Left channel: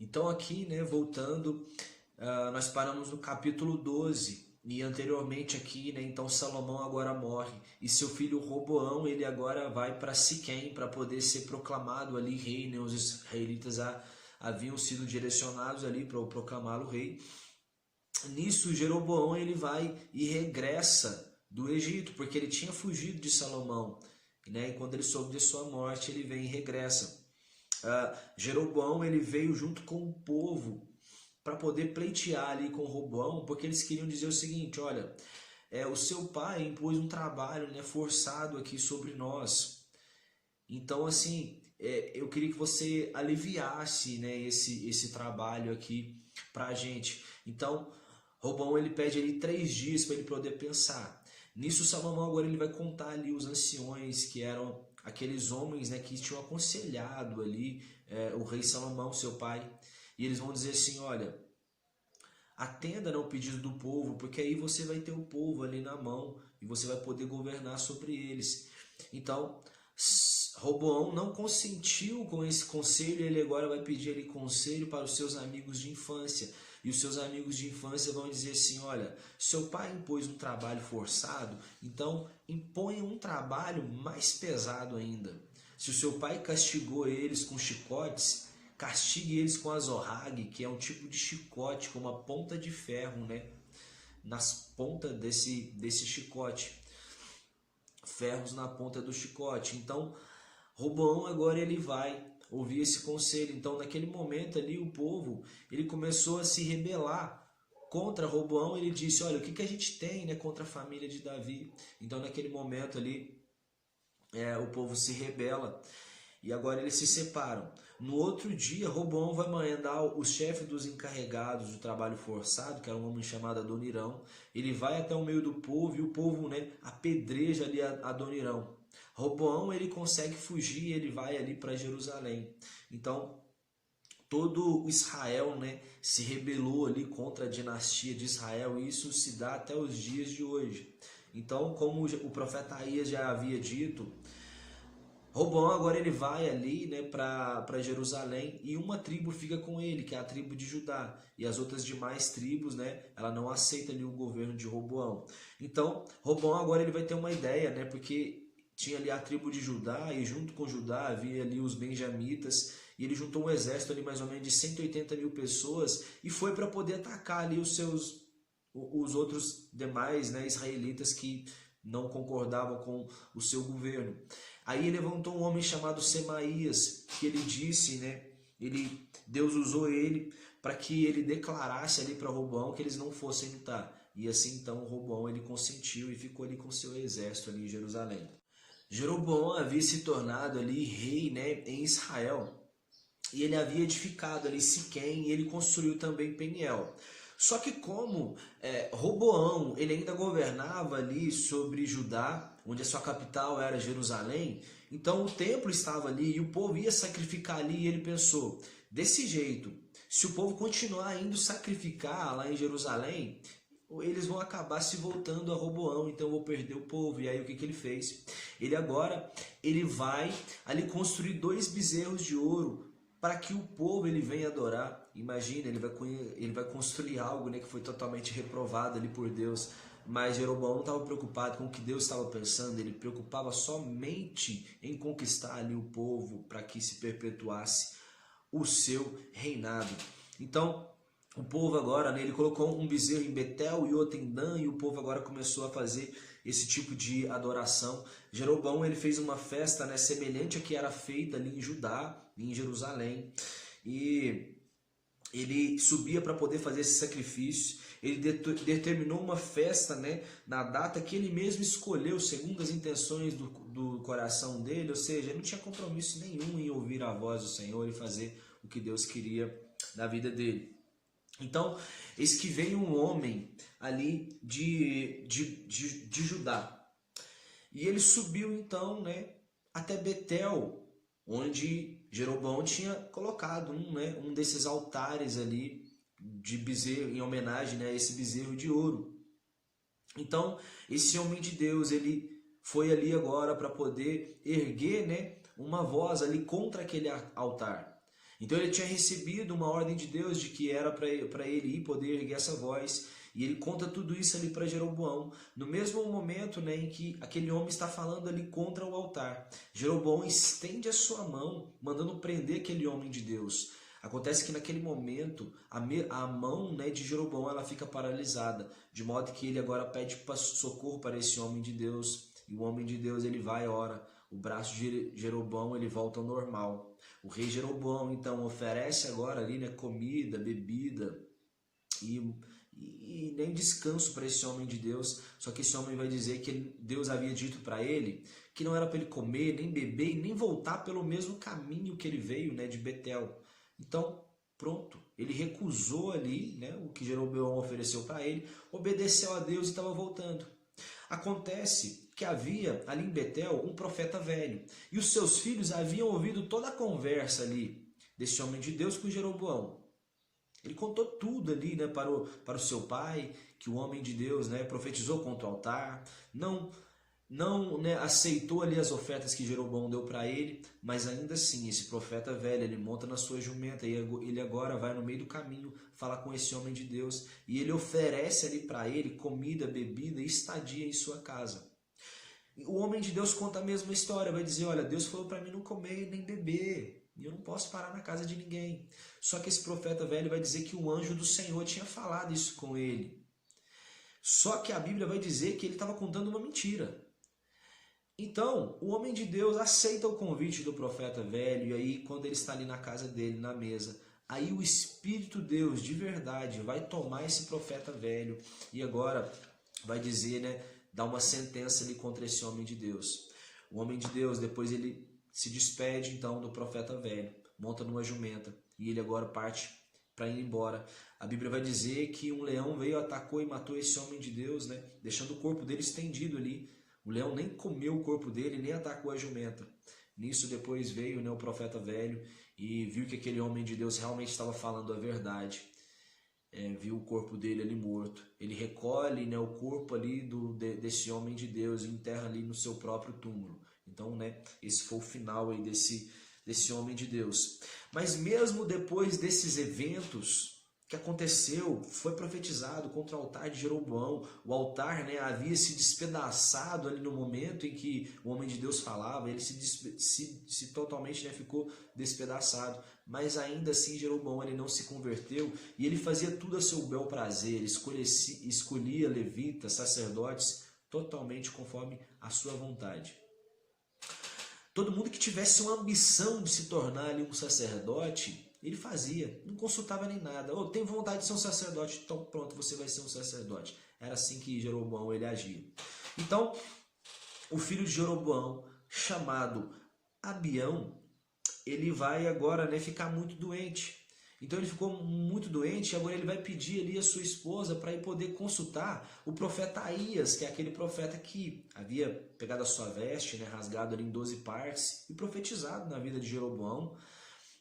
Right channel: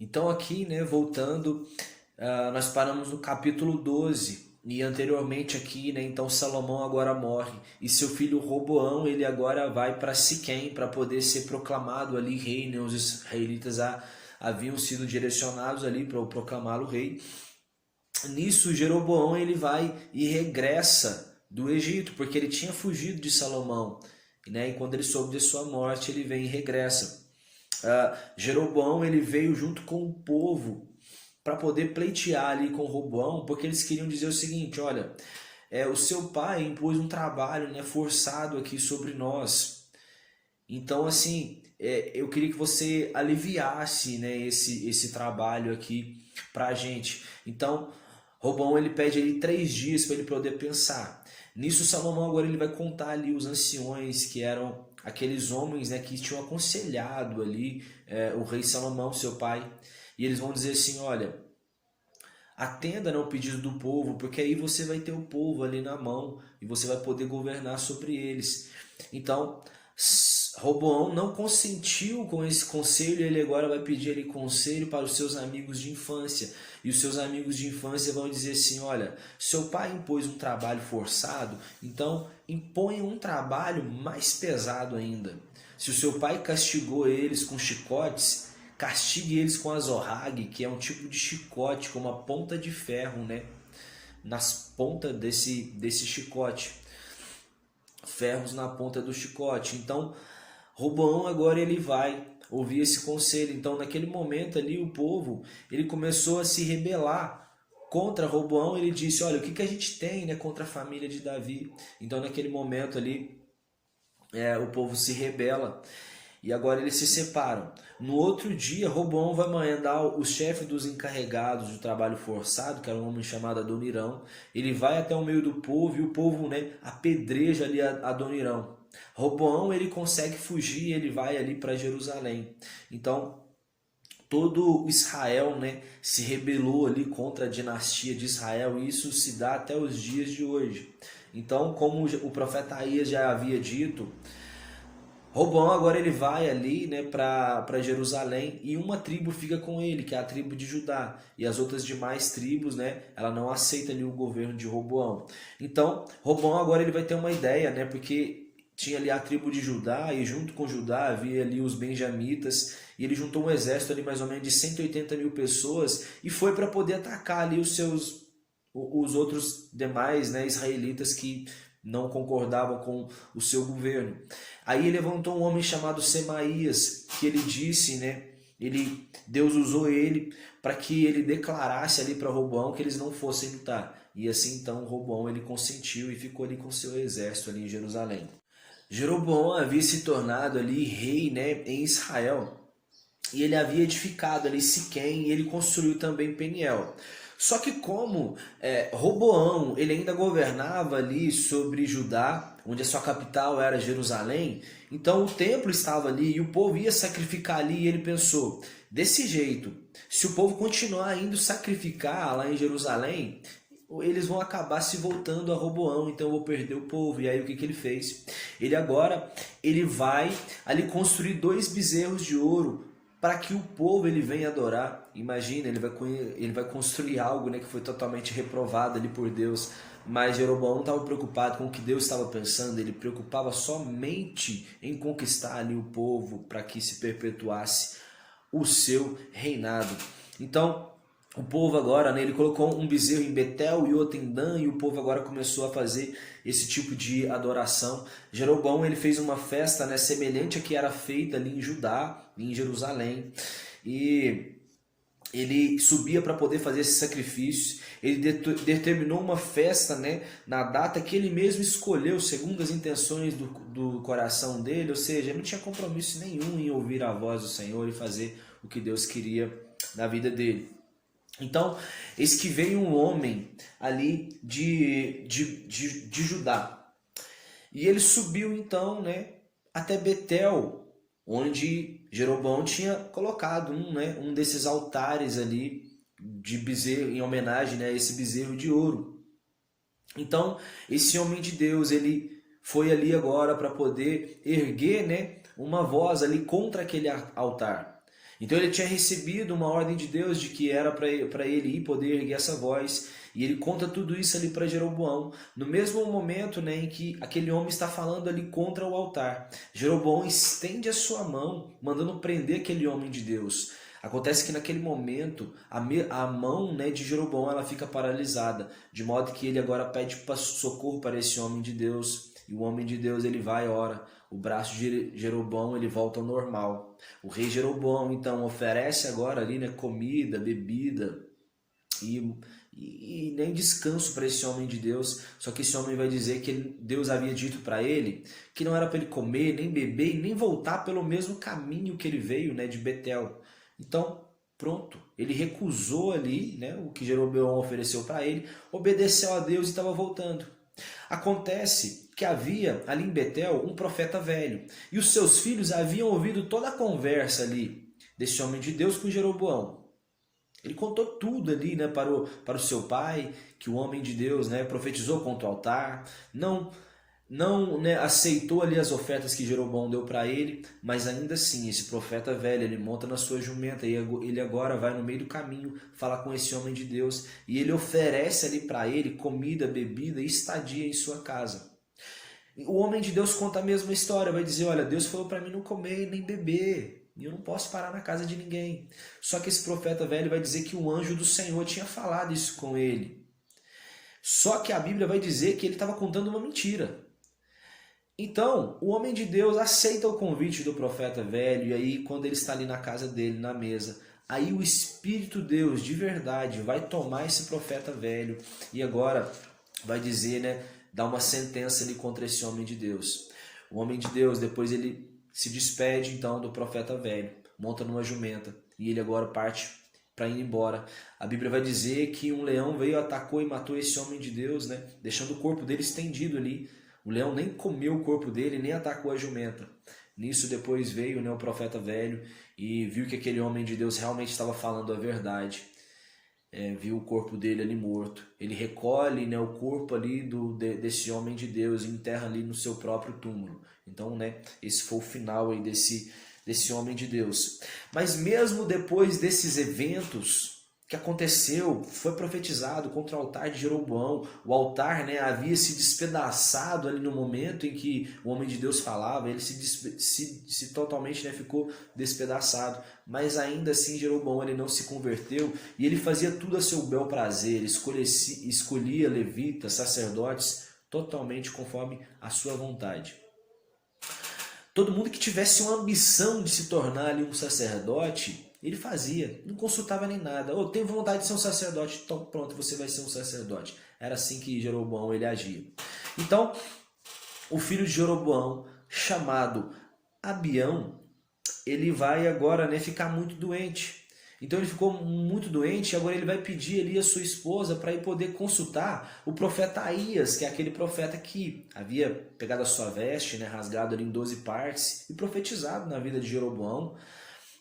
Então aqui, né, voltando, nós paramos no capítulo 12 e anteriormente aqui, né, então Salomão agora morre e seu filho Roboão, ele agora vai para Siquém para poder ser proclamado ali rei, né, os israelitas haviam sido direcionados ali para proclamá-lo rei. Nisso Jeroboão ele vai e regressa do Egito, porque ele tinha fugido de Salomão, né, e quando ele soube de sua morte, ele vem e regressa. Jeroboão ele veio junto com o povo para poder pleitear ali com Roboão, porque eles queriam dizer o seguinte: olha, o seu pai impôs um trabalho, né, forçado aqui sobre nós. Então, assim, eu queria que você aliviasse, né, esse trabalho aqui para a gente. Então, Roboão ele pede ali 3 dias para ele poder pensar. Nisso, Salomão agora ele vai contar ali os anciões que eram aqueles homens, né, que tinham aconselhado ali o rei Salomão, seu pai. E eles vão dizer assim: olha, atenda, né, ao pedido do povo, porque aí você vai ter o povo ali na mão e você vai poder governar sobre eles. Então, Roboão não consentiu com esse conselho, ele agora vai pedir ali conselho para os seus amigos de infância. E os seus amigos de infância vão dizer assim: olha, seu pai impôs um trabalho forçado, então imponha um trabalho mais pesado ainda. Se o seu pai castigou eles com chicotes, castigue eles com azorrague, que é um tipo de chicote com uma ponta de ferro, né, nas pontas desse chicote, ferros na ponta do chicote. Então, Roboão agora ele vai ouvir esse conselho. Então, naquele momento ali, o povo ele começou a se rebelar contra Roboão. Ele disse: olha, o que a gente tem, né, contra a família de Davi? Então, naquele momento ali, o povo se rebela e agora eles se separam. No outro dia, Roboão vai mandar o chefe dos encarregados do trabalho forçado, que era um homem chamado Adonirão. Ele vai até o meio do povo e o povo, né, apedreja ali Adonirão. Roboão ele consegue fugir, ele vai ali para Jerusalém. Então todo Israel, né, se rebelou ali contra a dinastia de Israel, e isso se dá até os dias de hoje. Então, como o profeta Aías já havia dito, Roboão agora ele vai ali, né, para Jerusalém, e uma tribo fica com ele, que é a tribo de Judá, e as outras demais tribos, né, ela não aceita ali o governo de Roboão. Então, Roboão agora ele vai ter uma ideia, né, porque tinha ali a tribo de Judá, e junto com Judá havia ali os benjamitas, e ele juntou um exército ali mais ou menos de 180 mil pessoas, e foi para poder atacar ali os outros demais, né, israelitas que não concordavam com o seu governo. Aí levantou um homem chamado Semaías, que ele disse, né, Deus usou ele para que ele declarasse ali para Roboão que eles não fossem lutar. E assim então Roboão ele consentiu e ficou ali com seu exército ali em Jerusalém. Jeroboão havia se tornado ali rei, né, em Israel, e ele havia edificado ali Siquém e ele construiu também Peniel. Só que como Roboão ele ainda governava ali sobre Judá, onde a sua capital era Jerusalém, então o templo estava ali e o povo ia sacrificar ali, e ele pensou: desse jeito, se o povo continuar indo sacrificar lá em Jerusalém, eles vão acabar se voltando a Roboão, então eu vou perder o povo. E aí o que ele fez? Ele vai ali construir 2 bezerros de ouro para que o povo ele venha adorar. Imagina, ele vai construir algo, né, que foi totalmente reprovado ali por Deus. Mas Jeroboão não estava preocupado com o que Deus estava pensando, ele preocupava somente em conquistar ali o povo para que se perpetuasse o seu reinado. Então, o povo agora, né, ele colocou um bezerro em Betel e outro em Dan, e o povo agora começou a fazer esse tipo de adoração. Jeroboão ele fez uma festa, né, semelhante a que era feita ali em Judá, em Jerusalém, e ele subia para poder fazer esse sacrifício. Ele determinou uma festa, né, na data que ele mesmo escolheu, segundo as intenções do coração dele, ou seja, ele não tinha compromisso nenhum em ouvir a voz do Senhor e fazer o que Deus queria na vida dele. Então, eis que veio um homem ali de Judá. E ele subiu então, né, até Betel, onde Jeroboão tinha colocado um desses altares ali de bezerro, em homenagem, né, a esse bezerro de ouro. Então, esse homem de Deus, ele foi ali agora para poder erguer, né, uma voz ali contra aquele altar. Então ele tinha recebido uma ordem de Deus de que era para ele ir poder erguer essa voz. E ele conta tudo isso ali para Jeroboão, no mesmo momento, né, em que aquele homem está falando ali contra o altar. Jeroboão estende a sua mão, mandando prender aquele homem de Deus. Acontece que naquele momento a mão, né, de Jeroboão ela fica paralisada, de modo que ele agora pede socorro para esse homem de Deus. E o homem de Deus ele vai e ora. O braço de Jeroboão ele volta ao normal. O rei Jeroboão então oferece agora ali, né, comida, bebida e nem descanso para esse homem de Deus. Só que esse homem vai dizer que Deus havia dito para ele que não era para ele comer, nem beber e nem voltar pelo mesmo caminho que ele veio, né, de Betel. Então, pronto, ele recusou ali, né, o que Jeroboão ofereceu para ele, obedeceu a Deus e estava voltando. Acontece que havia ali em Betel um profeta velho, e os seus filhos haviam ouvido toda a conversa ali desse homem de Deus com Jeroboão. Ele contou tudo ali, né, para o seu pai, que o homem de Deus, né, profetizou contra o altar, não, né, aceitou ali as ofertas que Jeroboão deu para ele, mas ainda assim, esse profeta velho, ele monta na sua jumenta e ele agora vai no meio do caminho falar com esse homem de Deus e ele oferece ali para ele comida, bebida e estadia em sua casa. O homem de Deus conta a mesma história, vai dizer, olha, Deus falou para mim não comer nem beber, e eu não posso parar na casa de ninguém. Só que esse profeta velho vai dizer que o anjo do Senhor tinha falado isso com ele. Só que a Bíblia vai dizer que ele estava contando uma mentira. Então, o homem de Deus aceita o convite do profeta velho, e aí quando ele está ali na casa dele, na mesa, aí o Espírito Deus de verdade vai tomar esse profeta velho e agora vai dizer, né, dar uma sentença ali contra esse homem de Deus. O homem de Deus, depois ele se despede então do profeta velho, monta numa jumenta e ele agora parte para ir embora. A Bíblia vai dizer que um leão veio, atacou e matou esse homem de Deus, né, deixando o corpo dele estendido ali. O leão nem comeu o corpo dele, nem atacou a jumenta. Nisso depois veio, né, o profeta velho e viu que aquele homem de Deus realmente estava falando a verdade. Viu o corpo dele ali morto. Ele recolhe, né, o corpo ali desse homem de Deus e enterra ali no seu próprio túmulo. Então, né, esse foi o final aí desse homem de Deus. Mas mesmo depois desses eventos que aconteceu, foi profetizado contra o altar de Jeroboão. O altar, né, havia se despedaçado ali no momento em que o homem de Deus falava, ele se totalmente, né, ficou despedaçado. Mas ainda assim Jeroboão ele não se converteu e ele fazia tudo a seu bel prazer, escolhia levitas, sacerdotes, totalmente conforme a sua vontade. Todo mundo que tivesse uma ambição de se tornar ali um sacerdote, ele fazia, não consultava nem nada. Eu tenho vontade de ser um sacerdote, então pronto, você vai ser um sacerdote. Era assim que Jeroboão ele agia. Então, o filho de Jeroboão, chamado Abião, ele vai agora, né, ficar muito doente. Então ele ficou muito doente e agora ele vai pedir ali a sua esposa para ir poder consultar o profeta Aías, que é aquele profeta que havia pegado a sua veste, né, rasgado ali em 12 partes e profetizado na vida de Jeroboão.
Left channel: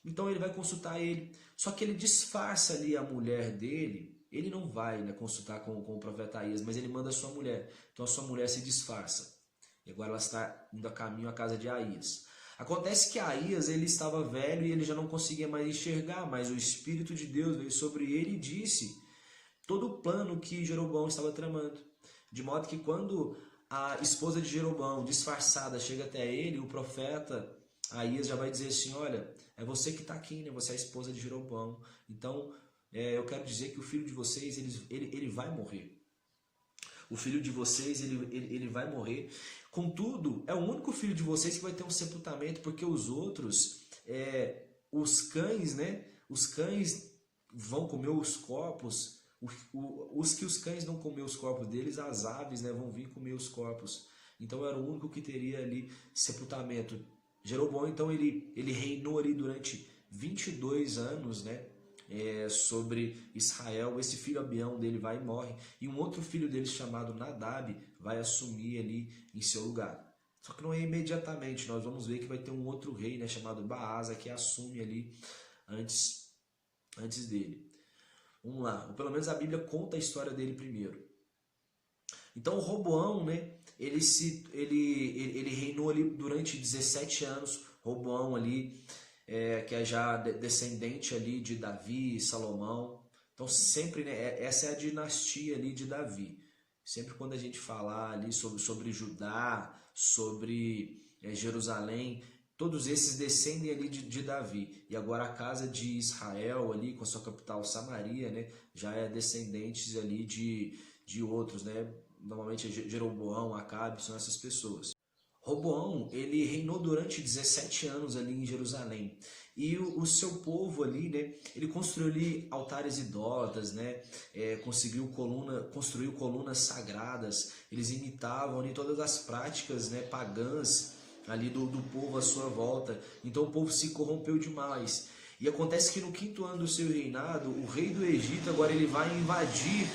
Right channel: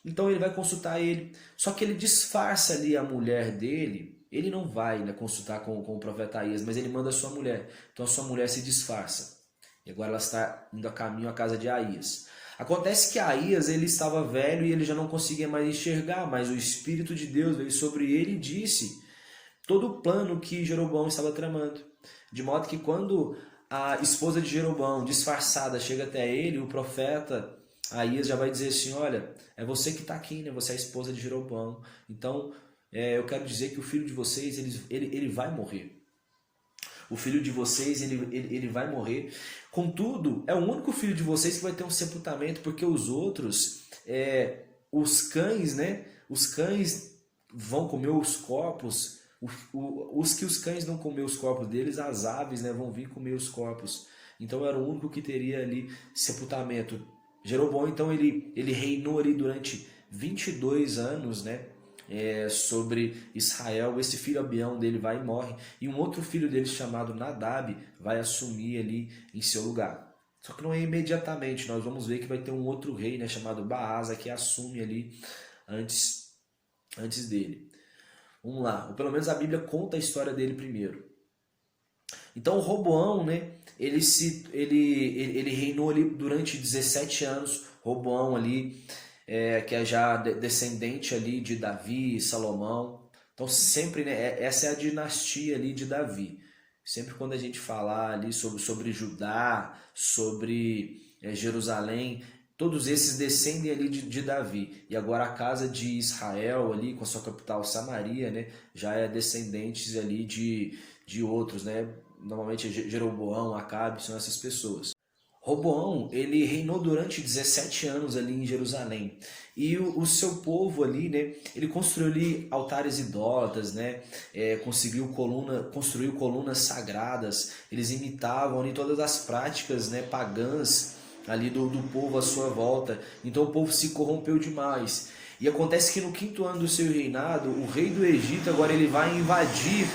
Então ele vai consultar ele, só que ele disfarça ali a mulher dele. Ele não vai, né, consultar com o profeta Aías, mas ele manda a sua mulher. Então a sua mulher se disfarça. E agora ela está indo a caminho à casa de Aías. Acontece que Aías ele estava velho e ele já não conseguia mais enxergar, mas o Espírito de Deus veio sobre ele e disse todo o plano que Jeroboão estava tramando. De modo que quando a esposa de Jeroboão, disfarçada, chega até ele, o profeta Aías já vai dizer assim, olha, é você que está aqui, né? Você é a esposa de Jeroboão. Então, eu quero dizer que o filho de vocês, ele vai morrer. O filho de vocês, ele vai morrer. Contudo, é o único filho de vocês que vai ter um sepultamento, porque os outros, os cães, né? Os cães vão comer os corpos. Os cães não comer os corpos deles, as aves, né, vão vir comer os corpos. Então era o único que teria ali sepultamento. Jeroboão, então, ele reinou ali durante 22 anos, né, sobre Israel. Esse filho Abião dele vai e morre, e um outro filho dele chamado Nadab vai assumir ali em seu lugar. Só que não é imediatamente, nós vamos ver que vai ter um outro rei, né, chamado Baasa, que assume ali antes dele. Vamos lá, ou pelo menos a Bíblia conta a história dele primeiro. Então o Roboão, né, ele reinou ali durante 17 anos. Roboão ali, que é já descendente ali de Davi e Salomão. Então sempre, né, essa é a dinastia ali de Davi. Sempre quando a gente falar ali sobre Judá, sobre Jerusalém, todos esses descendem ali de Davi. E agora a casa de Israel ali, com a sua capital Samaria, né, já é descendentes ali de outros, né? Normalmente Jeroboão, Acabe, são essas pessoas. Roboão, ele reinou durante 17 anos ali em Jerusalém. E o seu povo ali, né, ele construiu ali altares idólatras, né, construiu colunas sagradas. Eles imitavam ali todas as práticas, né, pagãs ali do povo à sua volta. Então o povo se corrompeu demais. E acontece que no 5º ano do seu reinado, o rei do Egito agora ele vai invadir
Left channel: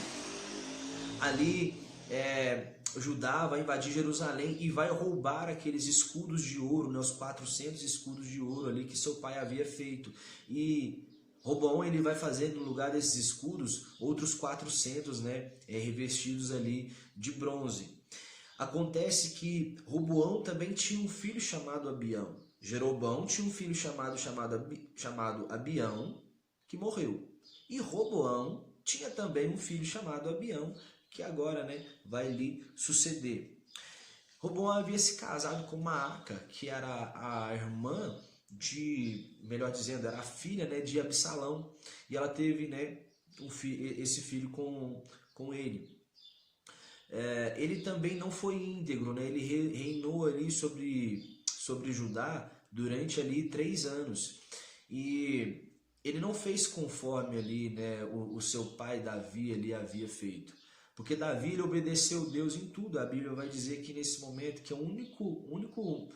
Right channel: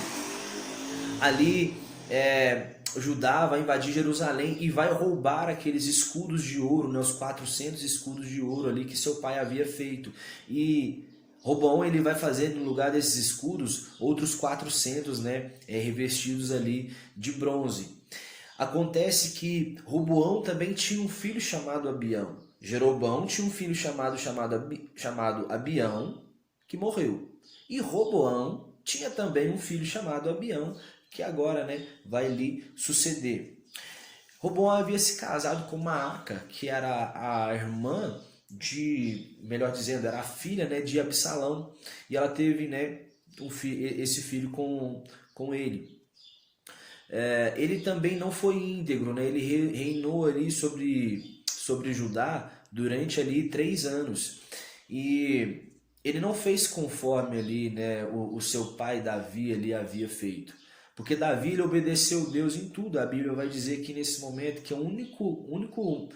ali Judá, vai invadir Jerusalém e vai roubar aqueles escudos de ouro, né, os 400 escudos de ouro ali que seu pai havia feito. E Roboão ele vai fazer no lugar desses escudos outros 400, né, revestidos ali de bronze. Acontece que Roboão também tinha um filho chamado Abião. Jeroboão tinha um filho chamado Abião, que morreu. E Roboão tinha também um filho chamado Abião, que agora, né, vai lhe suceder. Roboão havia se casado com Maaca, que era a irmã melhor dizendo, era a filha, né, de Absalão, e ela teve, né, esse filho com ele. Ele também não foi íntegro, né? Ele reinou ali sobre Judá durante ali 3 anos. E ele não fez conforme ali, né, o seu pai Davi ali havia feito. Porque Davi ele obedeceu Deus em tudo. A Bíblia vai dizer que nesse momento que o único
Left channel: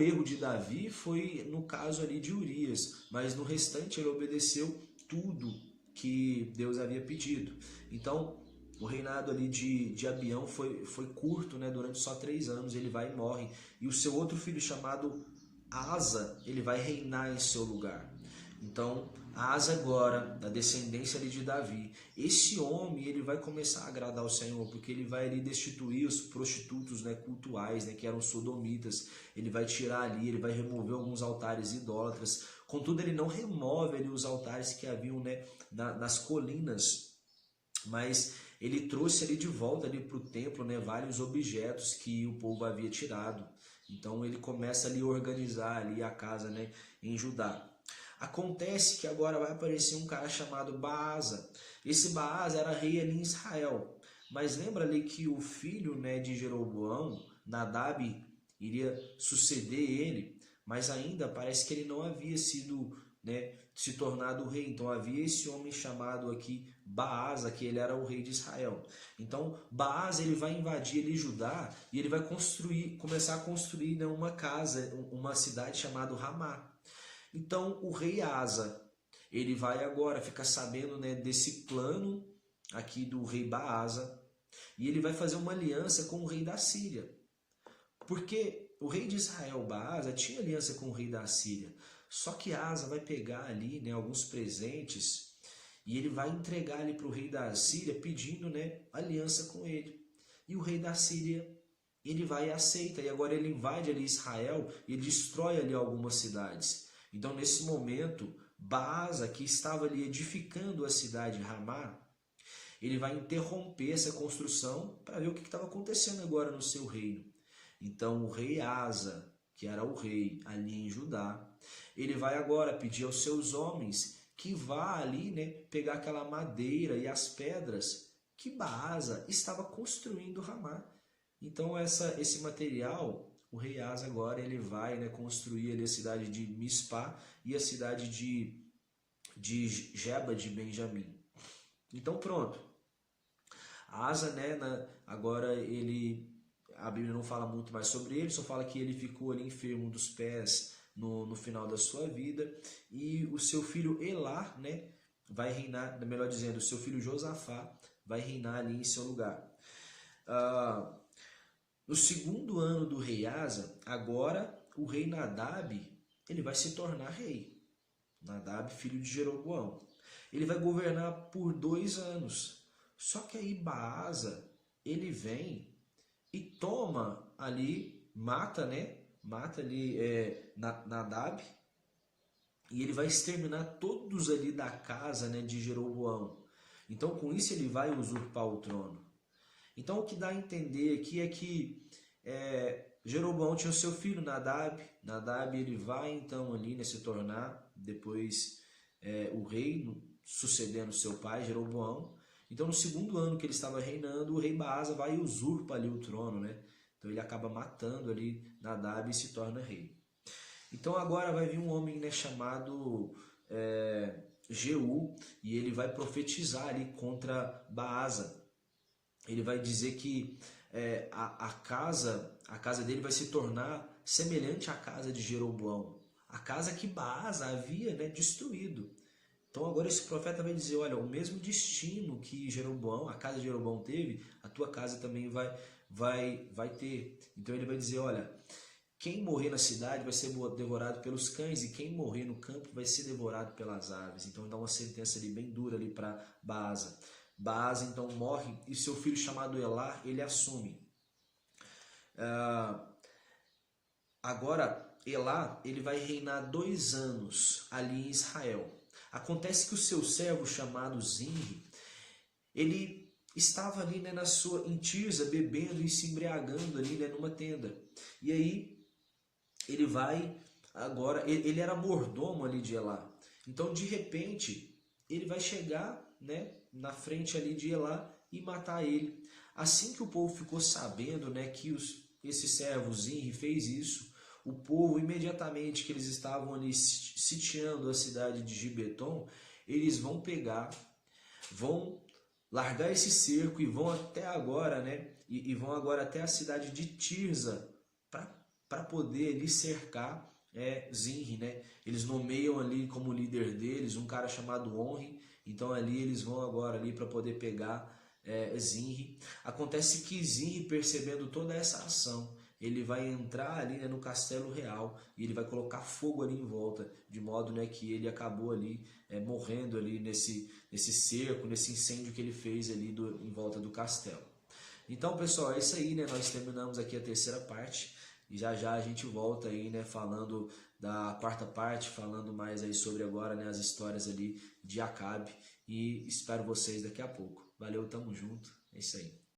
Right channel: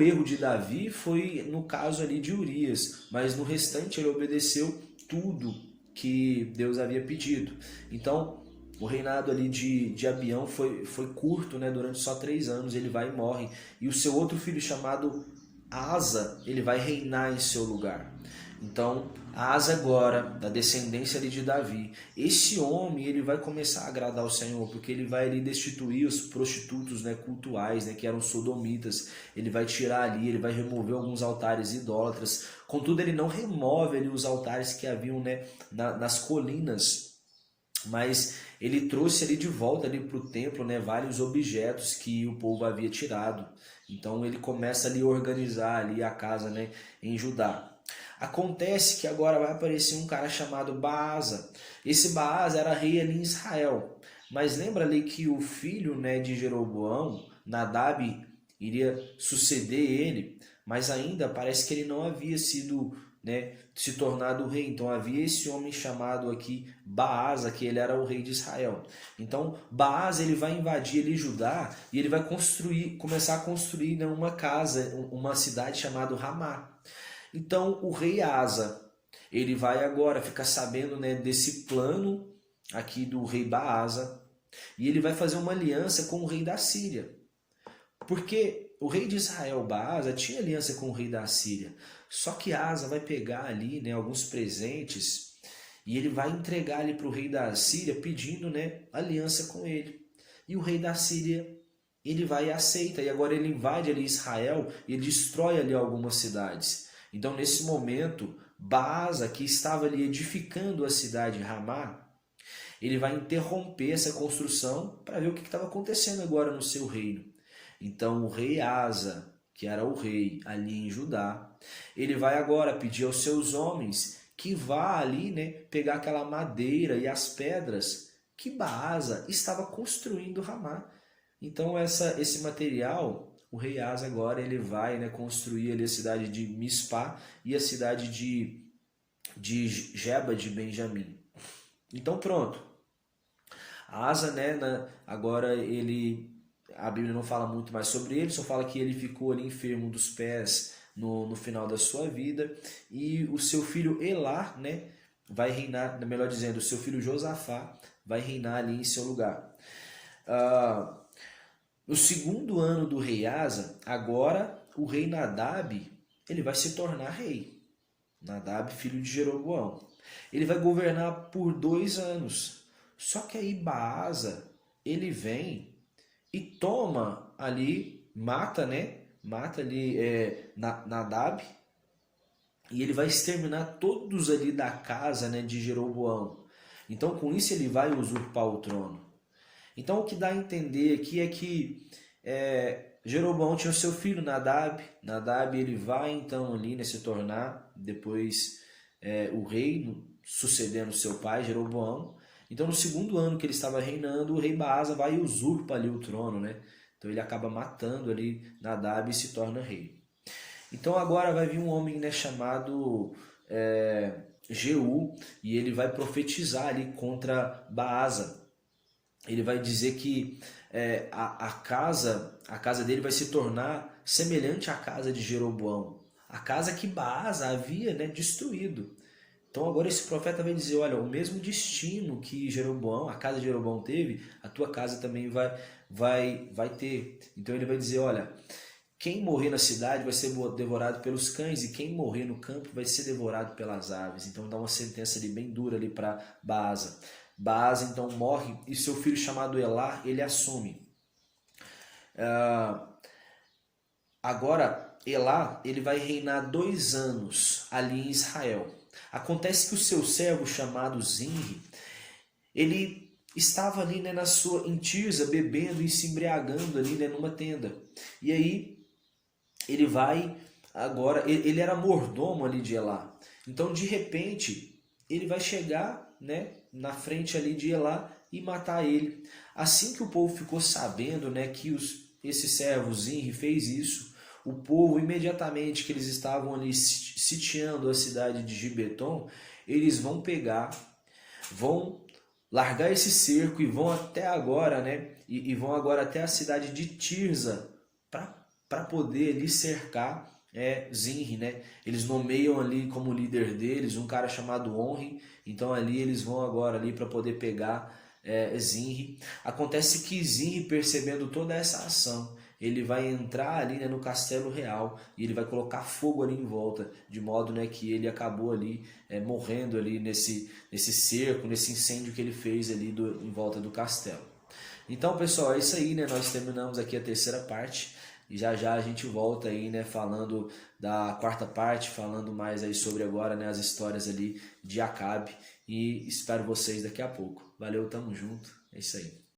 erro de Davi foi no caso ali de Urias, mas no restante ele obedeceu tudo que Deus havia pedido. Então o reinado ali de Abião foi curto, né? Durante só 3 anos ele vai e morre. E o seu outro filho chamado Asa, ele vai reinar em seu lugar. Então, Asa agora, da descendência ali de Davi, esse homem ele vai começar a agradar ao Senhor, porque ele vai ali destituir os prostitutos, né, cultuais, né, que eram sodomitas. Ele vai tirar ali, ele vai remover alguns altares idólatras. Contudo, ele não remove ali os altares que haviam, né, nas colinas, mas ele trouxe ali de volta ali para o templo, né, vários objetos que o povo havia tirado. Então ele começa ali a organizar ali a casa, né, em Judá. Acontece que agora vai aparecer um cara chamado Baasa. Esse Baasa era rei ali em Israel. Mas lembra ali que o filho, né, de Jeroboão, Nadab, iria suceder ele, mas ainda parece que ele não havia sido, né, se tornado rei. Então havia esse homem chamado aqui Baasa, que ele era o rei de Israel. Então Baasa ele vai invadir ali Judá e ele vai começar a construir, né, uma casa, uma cidade chamada Ramá. Então o rei Asa, ele vai agora ficar sabendo, né, desse plano aqui do rei Baasa, e ele vai fazer uma aliança com o rei da Síria. Porque o rei de Israel, Baasa, tinha aliança com o rei da Síria. Só que Asa vai pegar ali, né, alguns presentes e ele vai entregar ali para o rei da Síria pedindo, né, aliança com ele. E o rei da Síria, ele vai e aceita. E agora ele invade ali Israel e ele destrói ali algumas cidades. Então nesse momento, Baasa, que estava ali edificando a cidade de Ramá, ele vai interromper essa construção para ver o que estava acontecendo agora no seu reino. Então o rei Asa, que era o rei ali em Judá, ele vai agora pedir aos seus homens que vá ali, né, pegar aquela madeira e as pedras que Baasa estava construindo Ramá. Então esse material, o rei Asa agora ele vai, né, construir ali a cidade de Mispá e a cidade de Geba de Benjamim. Então pronto. Asa, né, agora a Bíblia não fala muito mais sobre ele, só fala que ele ficou ali enfermo dos pés no final da sua vida, e o seu filho Elá, né, vai reinar, melhor dizendo, o seu filho Josafá vai reinar ali em seu lugar. No 2º ano do rei Asa, agora o rei Nadab, ele vai se tornar rei. Nadab, filho de Jeroboão. Ele vai governar por 2 anos. Só que aí Baasa, ele vem e toma ali, mata ali Nadab e ele vai exterminar todos ali da casa, né, de Jeroboão. Então com isso ele vai usurpar o trono. Então o que dá a entender aqui é que Jeroboão tinha o seu filho Nadab. Nadab ele vai então ali, né, se tornar depois o rei, sucedendo seu pai Jeroboão. Então no segundo ano que ele estava reinando, o rei Baasa vai e usurpa ali o trono, né? Então ele acaba matando ali Nadab e se torna rei. Então agora vai vir um homem, né, chamado Jeú, e ele vai profetizar ali contra Baasa. Ele vai dizer que a casa dele vai se tornar semelhante à casa de Jeroboão, a casa que Baasa havia, né, destruído. Então agora esse profeta vai dizer, olha, o mesmo destino que Jeroboão, a casa de Jeroboão teve, a tua casa também vai ter. Então ele vai dizer, olha, quem morrer na cidade vai ser devorado pelos cães, e quem morrer no campo vai ser devorado pelas aves. Então dá uma sentença ali bem dura ali para Baasa. Baasa então morre e seu filho chamado Elá, ele assume. Agora Elá, ele vai reinar 2 anos ali em Israel. Acontece que o seu servo chamado Zinri, ele estava ali, né, em Tirza, bebendo e se embriagando ali, né, numa tenda. E aí ele vai agora, ele era mordomo ali de Elá. Então de repente ele vai chegar, né, na frente ali de Elá e matar ele. Assim que o povo ficou sabendo, né, que esse servo Zinri fez isso, o povo imediatamente que eles estavam ali sitiando a cidade de Gibeton, eles vão pegar, vão largar esse cerco e vão até agora, né, e vão agora até a cidade de Tirza para poder ali cercar Zinri, né? Eles nomeiam ali como líder deles um cara chamado Onri. Então ali eles vão agora ali para poder pegar Zinri. Acontece que Zinri, percebendo toda essa ação, ele vai entrar ali, né, no castelo real, e ele vai colocar fogo ali em volta, de modo, né, que ele acabou ali morrendo ali nesse cerco, nesse incêndio que ele fez ali em volta do castelo. Então, pessoal, é isso aí, né? Nós terminamos aqui a terceira parte. E já já a gente volta aí, né, falando da quarta parte, falando mais aí sobre agora, né, as histórias ali de Acabe. E espero vocês daqui a pouco. Valeu, tamo junto. É isso aí.